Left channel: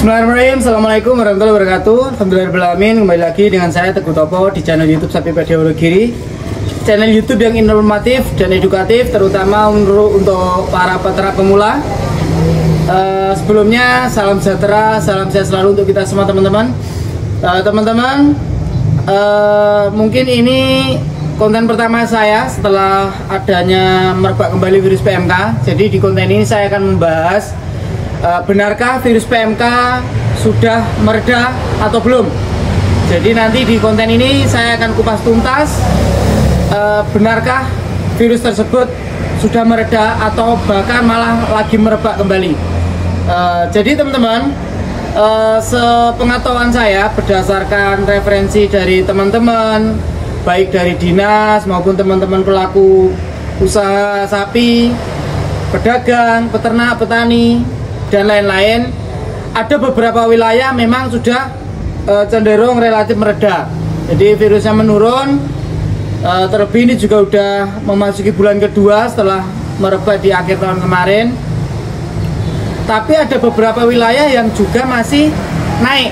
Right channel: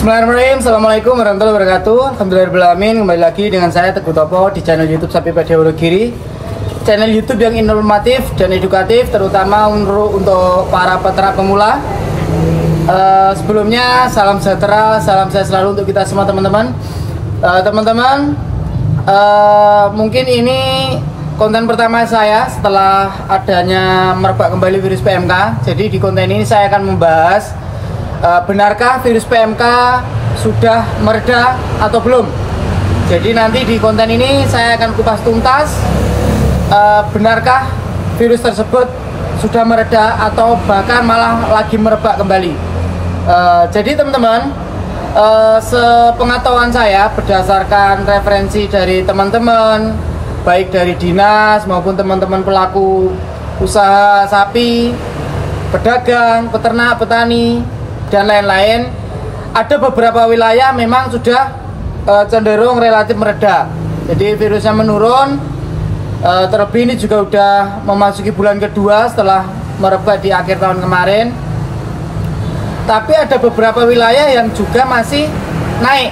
Bismillahirrahmanirrahim. Assalamualaikum warahmatullahi wabarakatuh. Alhamdulillahirrahmanirrahim. Kembali lagi dengan saya Teguh Topo di channel YouTube Sapipedia Wonogiri. Channel YouTube yang informatif dan edukatif, terutama untuk para peternak pemula. Sebelumnya salam sejahtera, salam sehat selalu untuk kita semua teman-teman. Mungkin ini konten pertama saya setelah adanya merebak kembali virus PMK. Jadi di konten ini saya akan membahas benarkah virus PMK sudah mereda atau belum. Jadi nanti di konten ini saya akan kupas tuntas benarkah virus tersebut sudah mereda atau bahkan malah lagi merebak kembali. Jadi teman-teman, sepengetahuan saya berdasarkan referensi dari teman-teman, baik dari dinas maupun teman-teman pelaku usaha sapi, pedagang, peternak, petani, dan lain-lain, ada beberapa wilayah memang sudah cenderung relatif mereda. Jadi virusnya menurun, terlebih ini juga udah memasuki bulan kedua setelah merebak di akhir tahun kemarin. Tapi ada beberapa wilayah yang juga masih naik.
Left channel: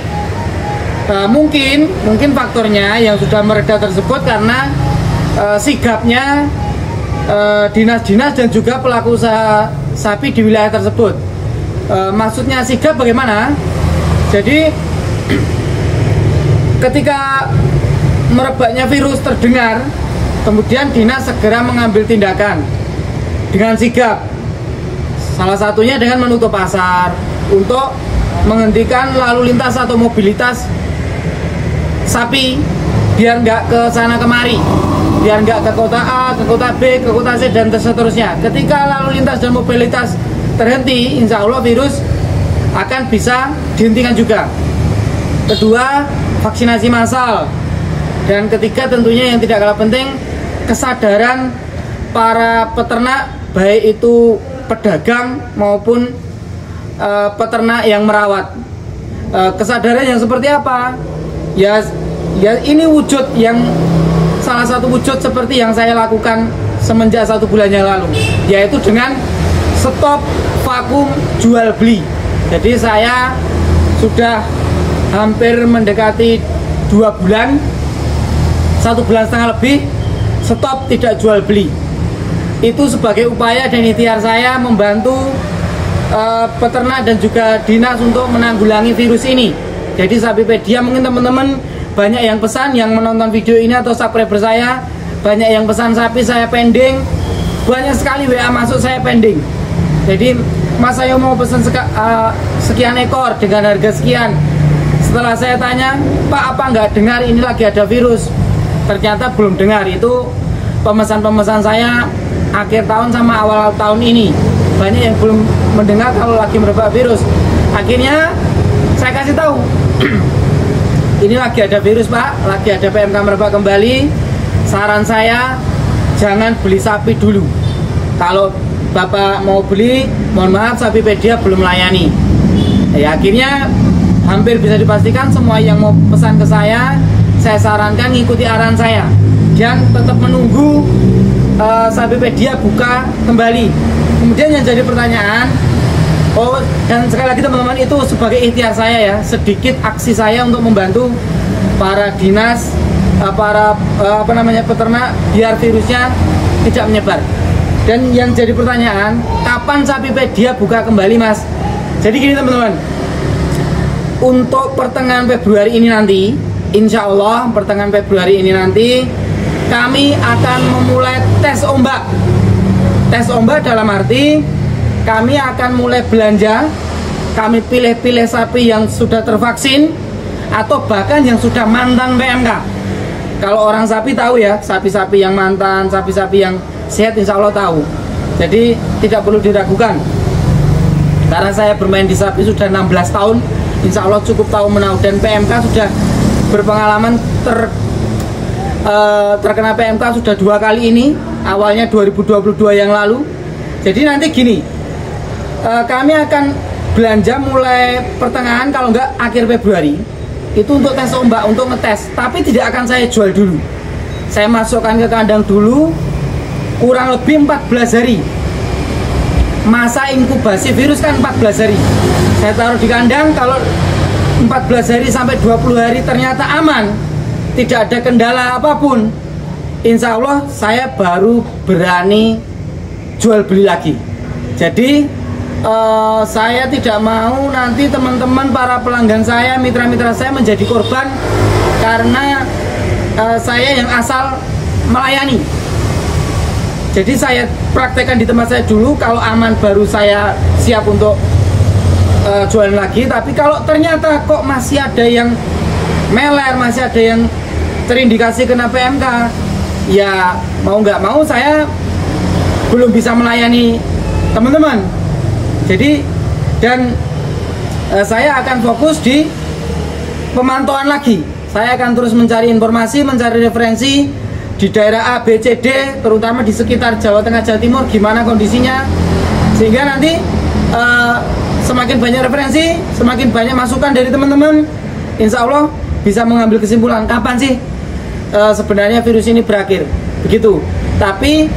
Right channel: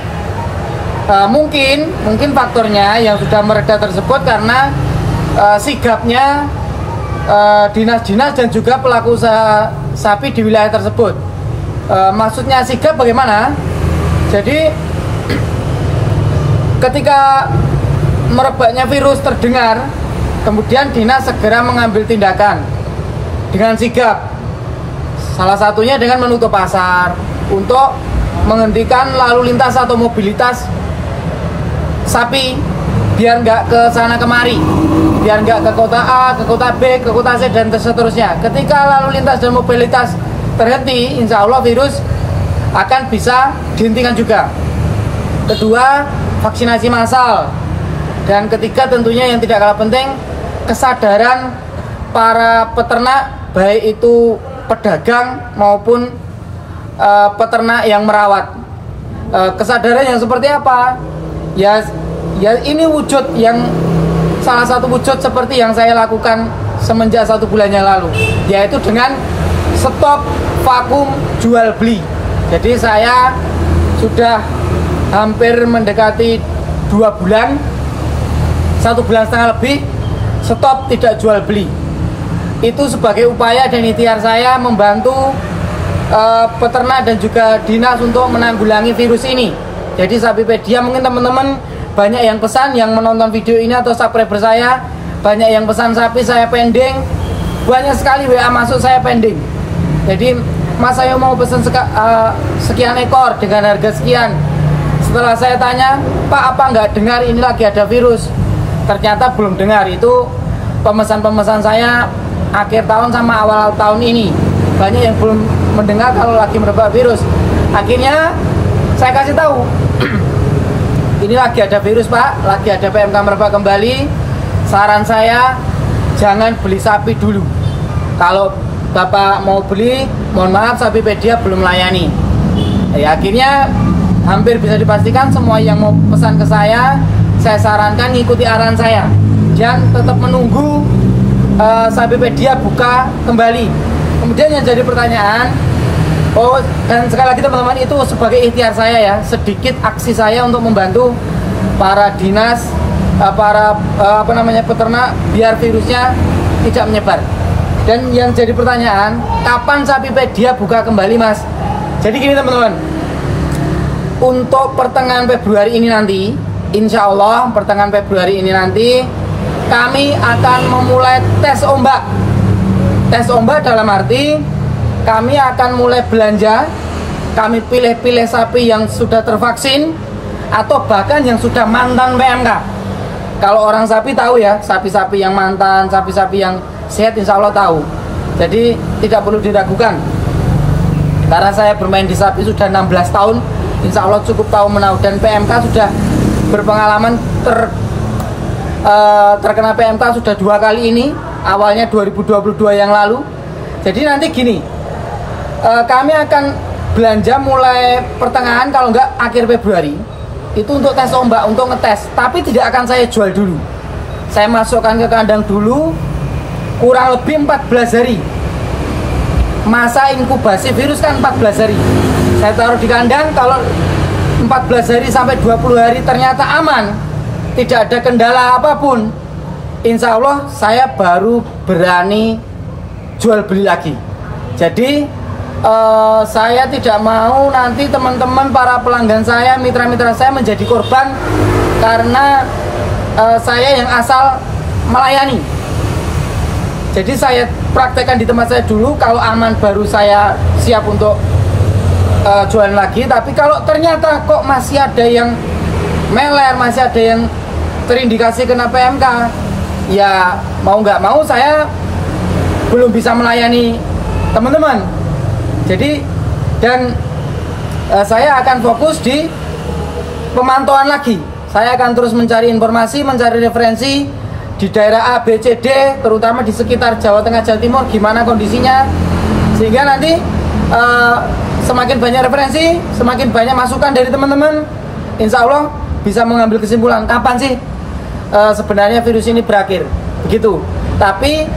Mungkin faktornya yang sudah mereda tersebut karena sigapnya dinas-dinas dan juga pelaku usaha sapi di wilayah tersebut. Maksudnya sigap bagaimana? Jadi ketika merebaknya virus terdengar, kemudian dinas segera mengambil tindakan dengan sigap. Salah satunya dengan menutup pasar untuk menghentikan lalu lintas atau mobilitas sapi biar nggak ke sana kemari, biar nggak ke kota A, ke kota B, ke kota C, dan seterusnya. Ketika lalu lintas dan mobilitas terhenti, insya Allah virus akan bisa dihentikan juga. Kedua, vaksinasi massal. Dan ketiga, tentunya yang tidak kalah penting, kesadaran para peternak, baik itu pedagang maupun peternak yang merawat. Kesadaran yang seperti apa? Ya ini wujud yang salah satu wujud seperti yang saya lakukan semenjak 1 bulan yang lalu, yaitu dengan stop vakum jual beli. Jadi saya sudah hampir mendekati 2 bulan, 1,5 bulan lebih stop tidak jual beli. Itu sebagai upaya dan ikhtiar saya membantu peternak dan juga dinas untuk menanggulangi virus ini. Jadi Sapipedia, mungkin teman-teman banyak yang pesan, yang menonton video ini atau subscriber saya, banyak yang pesan sapi saya pending. Banyak sekali WA masuk saya pending. Jadi Mas, saya mau pesan sekian ekor dengan harga sekian. Setelah saya tanya, Pak, apa nggak dengar ini lagi ada virus? Ternyata belum dengar. Itu pemesan-pemesan saya akhir tahun sama awal tahun ini. Banyak yang belum mendengar kalau lagi merebak virus. Akhirnya saya kasih tahu, ini lagi ada virus, Pak, lagi ada PMK merebak kembali. Saran saya, jangan beli sapi dulu. Kalau Bapak mau beli, mohon maaf, Sapipedia belum melayani. Ya, akhirnya hampir bisa dipastikan semua yang mau pesan ke saya sarankan ngikuti arahan saya dan tetap menunggu Sapipedia buka kembali. Kemudian yang jadi pertanyaan, dan sekali lagi teman-teman, itu sebagai ikhtiar saya ya, sedikit aksi saya untuk membantu para dinas, para peternak biar virusnya tidak menyebar. Dan yang jadi pertanyaan, kapan Sapipedia buka kembali, Mas? Jadi gini teman-teman, untuk pertengahan Februari ini nanti, insya Allah pertengahan Februari ini nanti, kami akan memulai tes ombak. Tes ombak dalam arti, kami akan mulai belanja, kami pilih-pilih sapi yang sudah tervaksin, atau bahkan yang sudah mantan PMK. Kalau orang sapi tahu ya, sapi-sapi yang mantan, sapi-sapi yang sehat insya Allah tahu. Jadi tidak perlu diragukan. Karena saya bermain di sapi sudah 16 tahun, insya Allah cukup tahu menahu. Dan PMK sudah berpengalaman terkena PMK sudah 2 kali ini. Awalnya 2022 yang lalu. Jadi nanti gini, kami akan belanja mulai pertengahan, kalau enggak akhir Februari. Itu untuk tes ombak, untuk ngetes. Tapi tidak akan saya jual dulu. Saya masukkan ke kandang dulu, kurang lebih 14 hari. Masa inkubasi virus kan 14 hari. Saya taruh di kandang, kalau 14 hari sampai 20 hari ternyata aman, tidak ada kendala apapun, insya Allah saya baru berani jual beli lagi. Jadi saya tidak mau nanti teman-teman para pelanggan saya, mitra-mitra saya menjadi korban karena saya yang asal melayani. Jadi saya praktekkan di tempat saya dulu, kalau aman baru saya siap untuk jualan lagi. Tapi kalau ternyata kok masih ada yang meler, masih ada yang terindikasi kena PMK, ya mau nggak mau saya belum bisa melayani teman-teman. Jadi saya akan fokus di pemantauan lagi. Saya akan terus mencari informasi, mencari referensi di daerah A, B, C, D, terutama di sekitar Jawa Tengah, Jawa Timur, gimana kondisinya, sehingga nanti semakin banyak referensi, semakin banyak masukan dari teman-teman, insya Allah bisa mengambil kesimpulan kapan sih sebenarnya virus ini berakhir, begitu. Tapi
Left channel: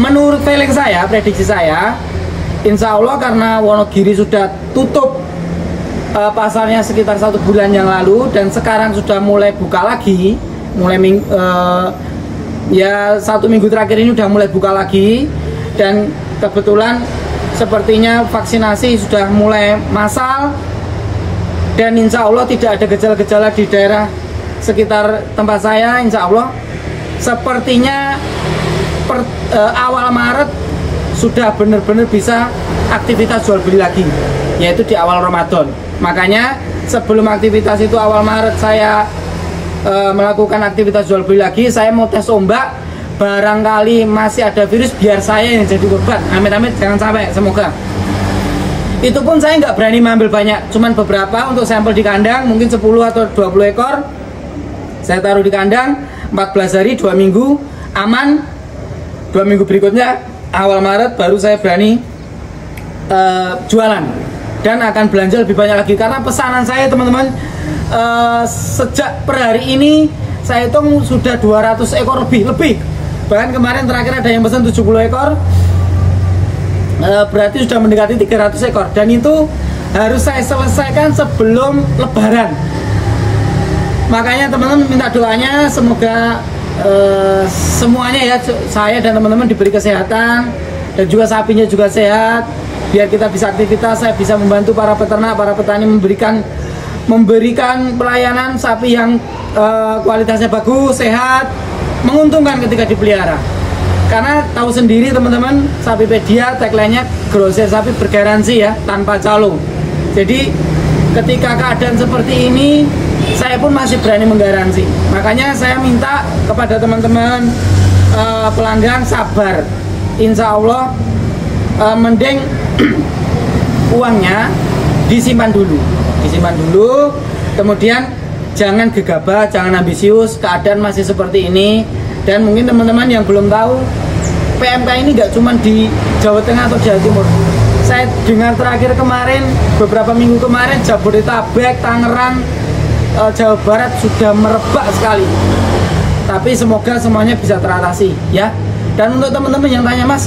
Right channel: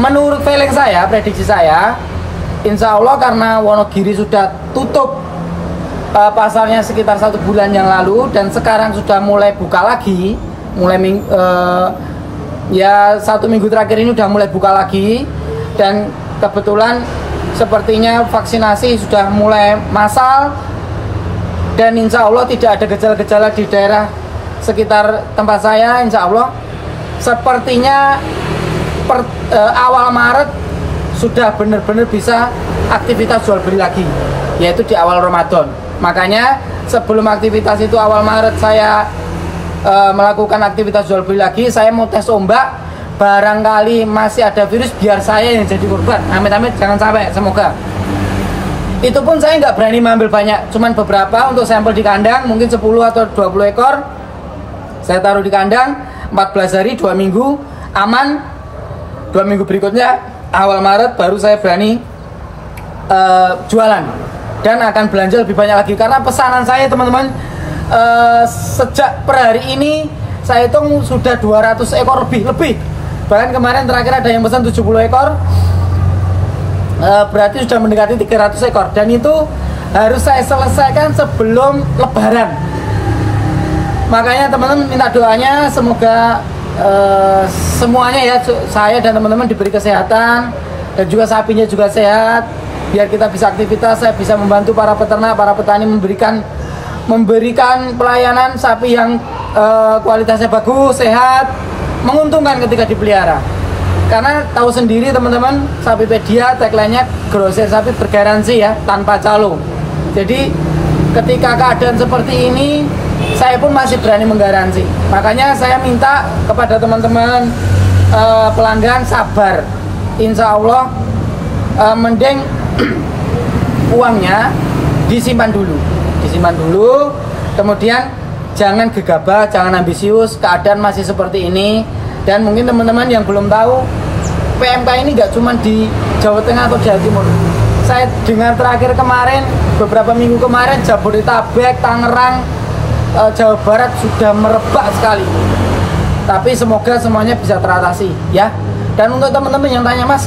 menurut feeling saya, prediksi saya, insya Allah karena Wonogiri sudah tutup pasarnya sekitar 1 bulan yang lalu, dan sekarang sudah mulai buka lagi, ya 1 minggu terakhir ini sudah mulai buka lagi, dan kebetulan sepertinya vaksinasi sudah mulai massal, dan insya Allah tidak ada gejala-gejala di daerah sekitar tempat saya. Insya Allah sepertinya awal Maret sudah benar-benar bisa aktivitas jual beli lagi, yaitu di awal Ramadan. Makanya sebelum aktivitas itu awal Maret saya melakukan aktivitas jual beli lagi, saya mau tes ombak, barangkali masih ada virus biar saya yang jadi korban. Amit-amit jangan sampai, semoga. Itu pun saya nggak berani mengambil banyak, cuman beberapa untuk sampel di kandang, mungkin 10 atau 20 ekor. Saya taruh di kandang 14 hari, 2 minggu aman. 2 minggu berikutnya awal Maret baru saya berani jualan, dan akan belanja lebih banyak lagi, karena pesanan saya teman-teman sejak per hari ini saya hitung sudah 200 ekor lebih. Bahkan kemarin terakhir ada yang pesan 70 ekor, berarti sudah mendekati 300 ekor, dan itu harus saya selesaikan sebelum Lebaran. Makanya teman-teman minta doanya, semoga semuanya ya, saya dan teman-teman diberi kesehatan, dan juga sapinya juga sehat, biar kita bisa aktivitas. Saya bisa membantu para peternak, para petani memberikan pelayanan sapi yang kualitasnya bagus, sehat, menguntungkan ketika dipelihara. Karena tahu sendiri teman-teman, Sapipedia tagline-nya grosir sapi bergaransi ya, tanpa calo. Jadi ketika keadaan seperti ini, saya pun masih berani menggaransi. Makanya saya minta kepada teman-teman pelanggan sabar. Insya Allah mending uangnya disimpan dulu, kemudian jangan gegabah, jangan ambisius. Keadaan masih seperti ini, dan mungkin teman-teman yang belum tahu, PMK ini nggak cuma di Jawa Tengah atau Jawa Timur. Saya dengar terakhir kemarin, beberapa minggu kemarin, Jabodetabek, Tangerang, Jawa Barat sudah merebak sekali. Tapi semoga semuanya bisa teratasi ya. Dan untuk teman-teman yang tanya, Mas,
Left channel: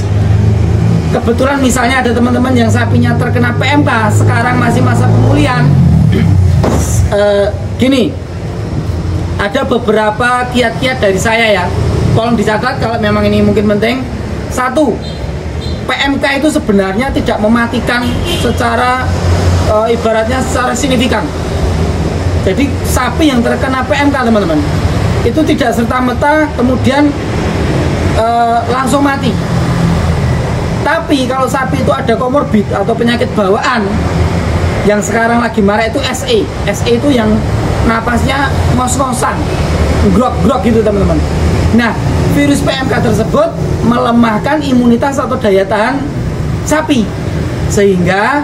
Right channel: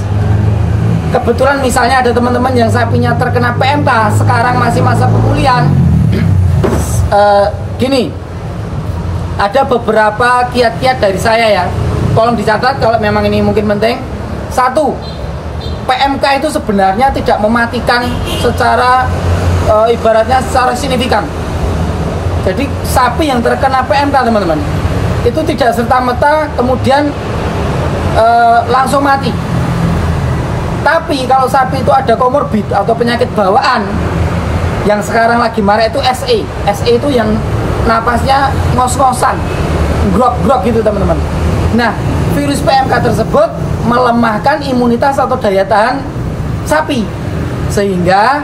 kebetulan misalnya ada teman-teman yang sapinya terkena PMK, sekarang masih masa pemulihan. Gini, ada beberapa kiat-kiat dari saya ya, tolong dicatat kalau memang ini mungkin penting. 1, PMK itu sebenarnya tidak mematikan secara ibaratnya secara signifikan. Jadi sapi yang terkena PMK teman-teman, itu tidak serta-merta kemudian langsung mati. Tapi kalau sapi itu ada komorbid atau penyakit bawaan, yang sekarang lagi marak itu SE. SE itu yang napasnya ngos-ngosan, grok-grok gitu teman-teman. Nah, virus PMK tersebut melemahkan imunitas atau daya tahan sapi, sehingga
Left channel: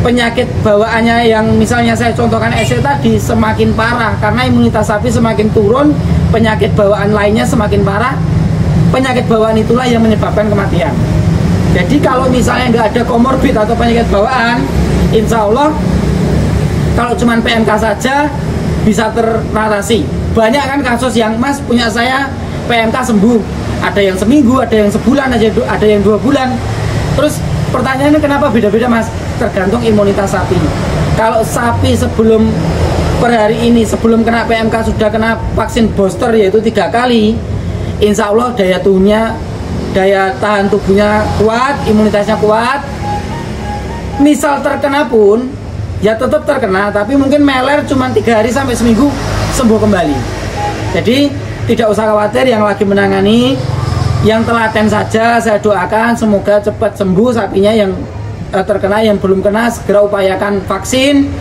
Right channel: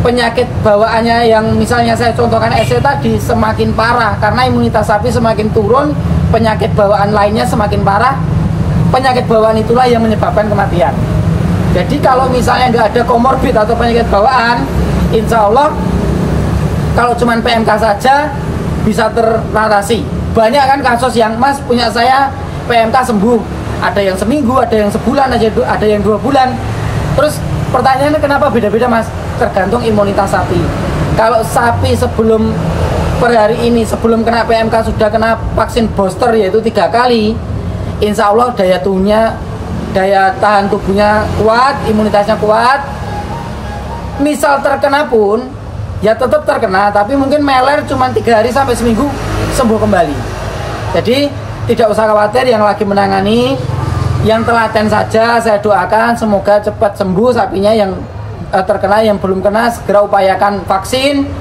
penyakit bawaannya yang misalnya saya contohkan SE tadi semakin parah, karena imunitas sapi semakin turun, penyakit bawaan lainnya semakin parah. Penyakit bawaan itulah yang menyebabkan kematian. Jadi kalau misalnya nggak ada komorbid atau penyakit bawaan, insya Allah kalau cuma PMK saja bisa teratasi. Banyak kan kasus yang, Mas, punya saya PMK sembuh, ada yang seminggu, ada yang sebulan aja, ada yang 2 bulan. Terus pertanyaannya kenapa beda-beda, Mas? tergantung imunitas sapi. Kalau sapi sebelum per hari ini sebelum kena PMK sudah kena vaksin booster yaitu 3 kali, insya Allah daya tahan tubuhnya kuat, imunitasnya kuat. Misal terkena pun ya tetap terkena, tapi mungkin meler cuma 3 hari sampai seminggu sembuh kembali. Jadi tidak usah khawatir yang lagi menangani, yang telaten saja saya doakan semoga cepat sembuh sapinya. Yang terkena, yang belum kena segera upayakan vaksin.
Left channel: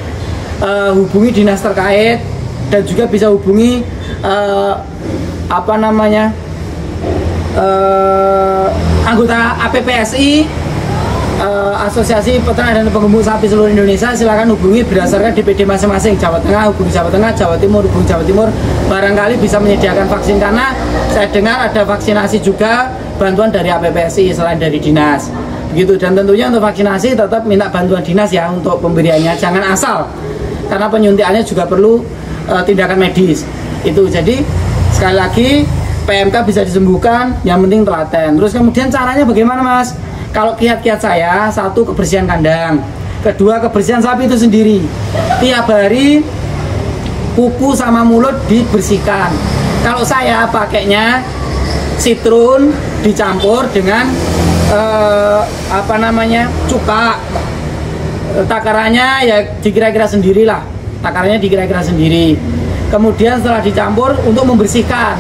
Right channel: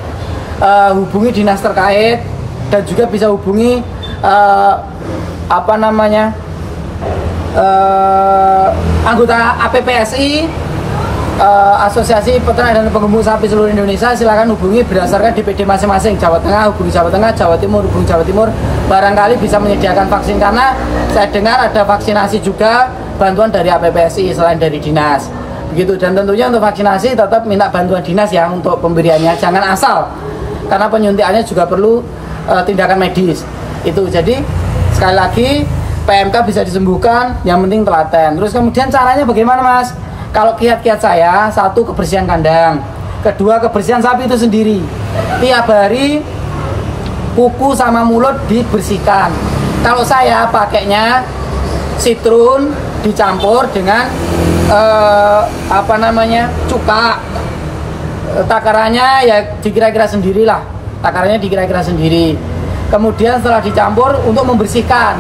Hubungi dinas terkait dan juga bisa hubungi anggota APPSI, Asosiasi Peternak dan Penggembung Sapi seluruh Indonesia. Silakan hubungi berdasarkan DPD masing-masing. Jawa Tengah hubungi Jawa Tengah, Jawa Timur hubungi Jawa Timur, barangkali bisa menyediakan vaksin karena saya dengar ada vaksinasi juga bantuan dari APPSI selain dari dinas begitu. Dan tentunya untuk vaksinasi tetap minta bantuan dinas ya untuk pemberiannya, jangan asal karena penyuntikannya juga perlu tindakan medis itu. Jadi sekali lagi PMK bisa disembuhkan, yang penting telaten. Terus kemudian caranya bagaimana Mas? Kalau kiat-kiat saya, 1 kebersihan kandang, 2 kebersihan sapi itu sendiri. Tiap hari kuku sama mulut dibersihkan. Kalau saya pakainya sitrun dicampur dengan cuka. Takarannya ya dikira-kira sendirilah, takarannya dikira-kira sendiri. Kemudian setelah dicampur untuk membersihkan,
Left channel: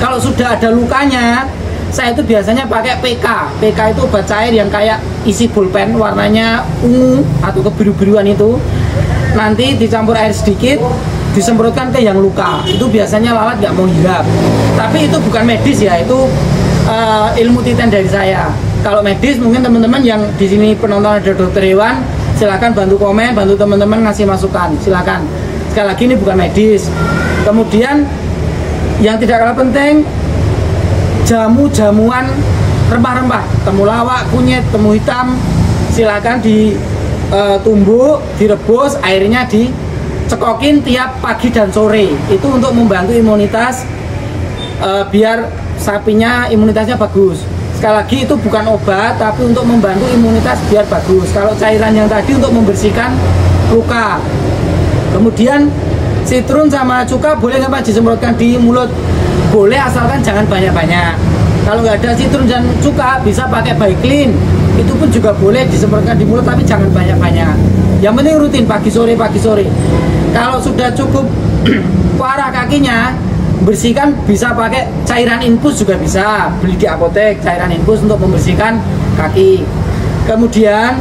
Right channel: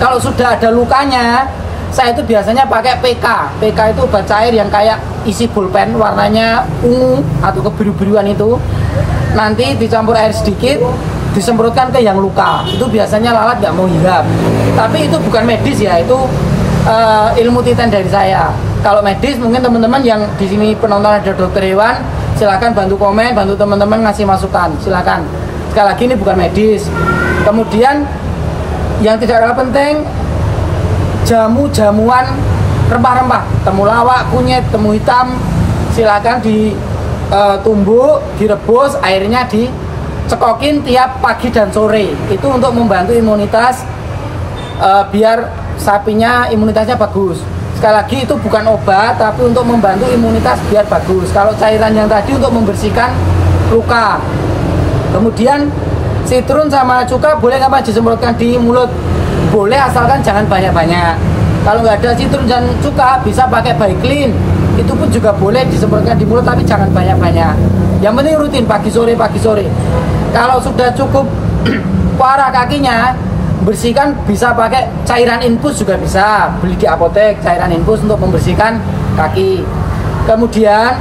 kalau sudah ada lukanya, saya itu biasanya pakai PK. PK itu obat cair yang kayak isi pulpen warnanya ungu atau kebiru-biruan itu. Nanti dicampur air sedikit, disemprotkan ke yang luka. Itu biasanya lalat nggak mau hirap. Tapi itu bukan medis ya, itu ilmu titen dari saya. Kalau medis mungkin teman-teman yang di sini penonton ada dokter hewan, silakan bantu komen, bantu teman-teman ngasih masukan, silakan. Sekali lagi ini bukan medis. Kemudian yang tidak kalah penting, jamu-jamuan rempah-rempah, temulawak, kunyit, temu hitam, silakan ditumbuk, direbus, airnya dicekokin tiap pagi dan sore. Itu untuk membantu imunitas, biar sapinya imunitasnya bagus. Sekali lagi itu bukan obat, tapi untuk membantu imunitas biar bagus. Kalau cairan yang tadi untuk membersihkan luka. Kemudian sitrun sama cuka boleh nggak Pak disemprotkan di mulut? Boleh, asalkan jangan banyak-banyak. Kalau nggak ada sitrun dan cuka bisa pakai Baiklin. Itu pun juga boleh disemprotkan di mulut, tapi jangan banyak-banyak. Yang penting rutin pagi sore. Kalau sudah cukup parah kakinya, bersihkan bisa pakai cairan infus juga bisa, beli di apotek cairan infus untuk membersihkan kaki. Kemudian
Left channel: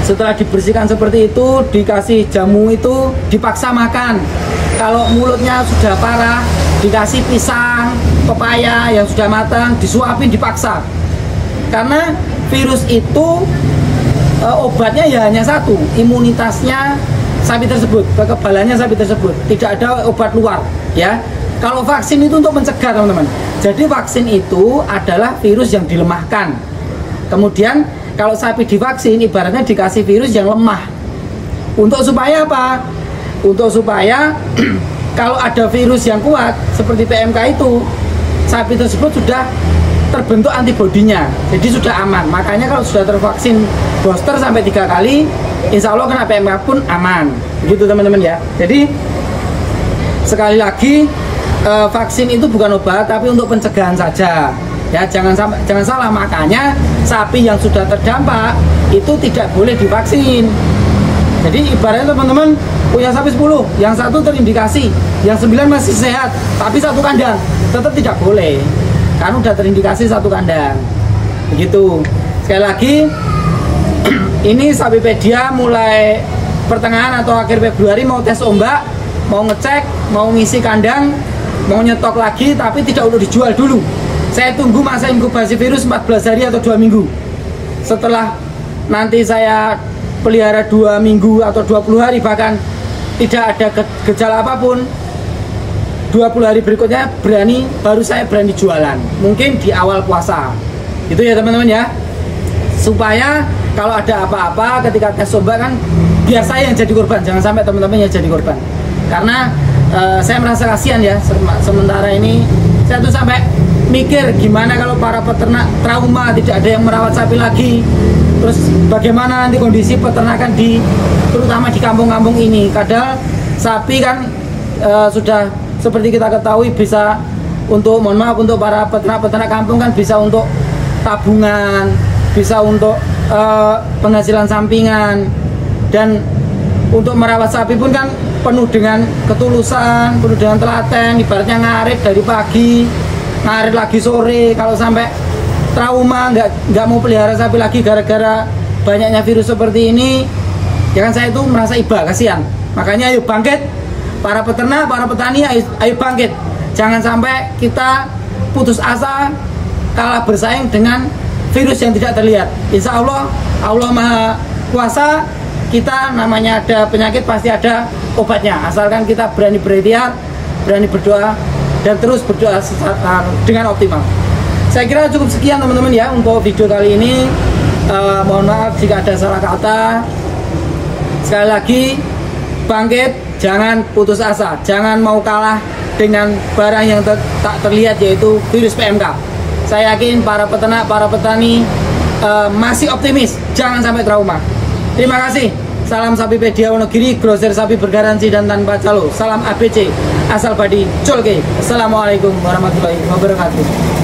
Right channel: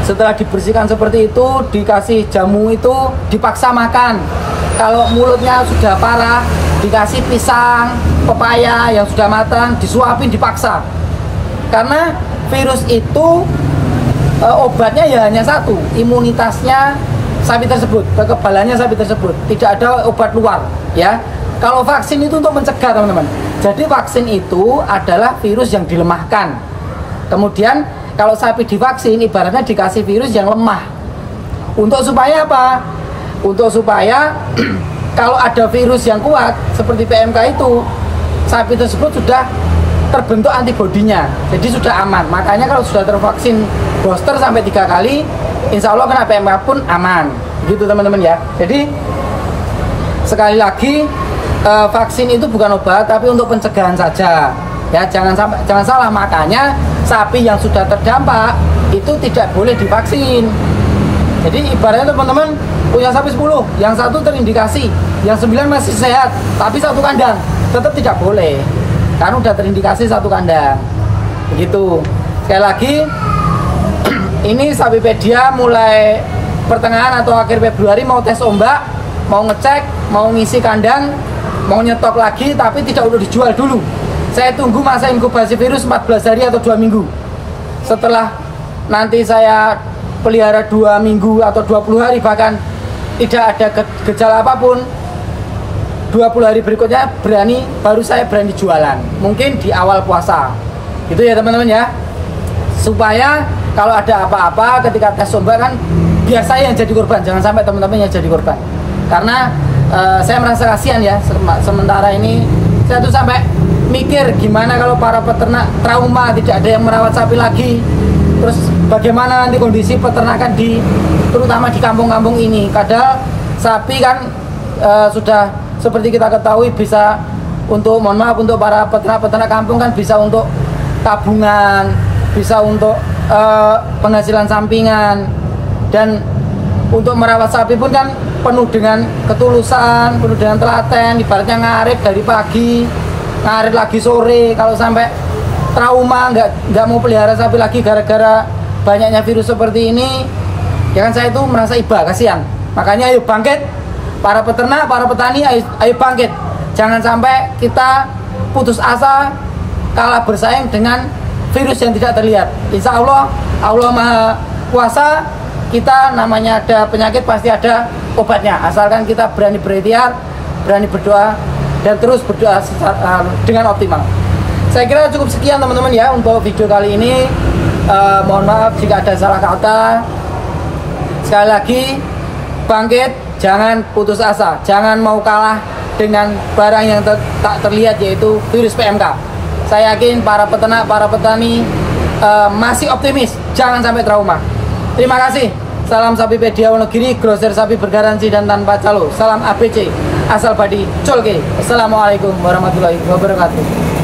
setelah dibersihkan seperti itu, dikasih jamu itu dipaksa makan. Kalau mulutnya sudah parah, dikasih pisang, pepaya yang sudah matang, disuapin dipaksa. Karena virus itu obatnya ya hanya satu, imunitasnya sapi tersebut, kekebalannya sapi tersebut, tidak ada obat luar ya. Kalau vaksin itu untuk mencegah teman-teman. Jadi vaksin itu adalah virus yang dilemahkan. Kemudian kalau sapi divaksin ibaratnya dikasih virus yang lemah. Untuk supaya apa? Untuk supaya kalau ada virus yang kuat seperti PMK itu, sapi tersebut sudah terbentuk antibodinya, jadi sudah aman. Makanya kalau sudah tervaksin booster sampai 3 kali, insya Allah kena PMK pun aman. Gitu teman-teman ya. Jadi sekali lagi, vaksin itu bukan obat, tapi untuk pencegahan saja. Ya, jangan salah. Makanya sapi yang sudah terdampak itu tidak boleh divaksin. Jadi ibaratnya teman-teman punya sapi 10, yang 1 terindikasi, yang 9 masih sehat, tapi 1 kandang, tetap tidak boleh. Karena udah terindikasi 1 kandang. Begitu. Sekali lagi, ini Sapipedia mulai pertengahan atau akhir Februari mau tes ombak, mau ngecek, mau ngisi kandang, mau nyetok lagi, tapi tidak untuk dijual dulu. Saya tunggu masa inkubasi virus 14 hari atau 2 minggu. Setelah nanti saya pelihara 2 minggu atau 20 hari bahkan tidak ada gejala apapun, 20 hari berikutnya baru saya berani jualan. Mungkin di awal puasa. Itu ya teman-teman ya. Supaya kalau ada apa-apa ketika tes ombak kan biar saya yang jadi korban, jangan sampai teman-teman yang jadi korban. Karena saya merasa kasihan ya, sementara ini saya tuh sampai mikir gimana kalau para peternak trauma, tidak ada yang merawat sapi lagi, Terus bagaimana nanti kondisi peternakan terutama di kampung-kampung ini. Kadang sapi kan sudah seperti kita ketahui bisa untuk, mohon maaf, untuk para peternak-peternak kampung kan bisa untuk tabungan, bisa untuk penghasilan sampingan, dan untuk merawat sapi pun kan penuh dengan ketulusan, penuh dengan telaten. Ibaratnya ngarit dari pagi, ngarit lagi sore. Kalau sampai trauma nggak mau pelihara sapi lagi gara-gara banyaknya virus seperti ini, ya kan saya itu merasa iba, kasihan. Makanya ayo bangkit, para peternak, para petani, ayo bangkit. Jangan sampai kita putus asa kalah bersaing dengan virus yang tidak terlihat. Insya Allah, Allah Maha Kuasa. Kita namanya ada penyakit pasti ada obatnya, asalkan kita berani berikhtiar, berani berdoa, dan terus berdoa dengan optimal. Saya kira cukup sekian teman-teman ya untuk video kali ini. Mohon maaf jika ada salah kata. Sekali lagi, bangkit, jangan putus asa, jangan mau kalah dengan barang yang tak terlihat, yaitu virus PMK. Saya yakin para peternak, para petani masih optimis, jangan sampai trauma. Terima kasih. Salam Sapipedia Wonogiri, grosir sapi bergaransi dan tanpa calo. Salam ABC, asal badi colke. Assalamualaikum warahmatullahi wabarakatuh.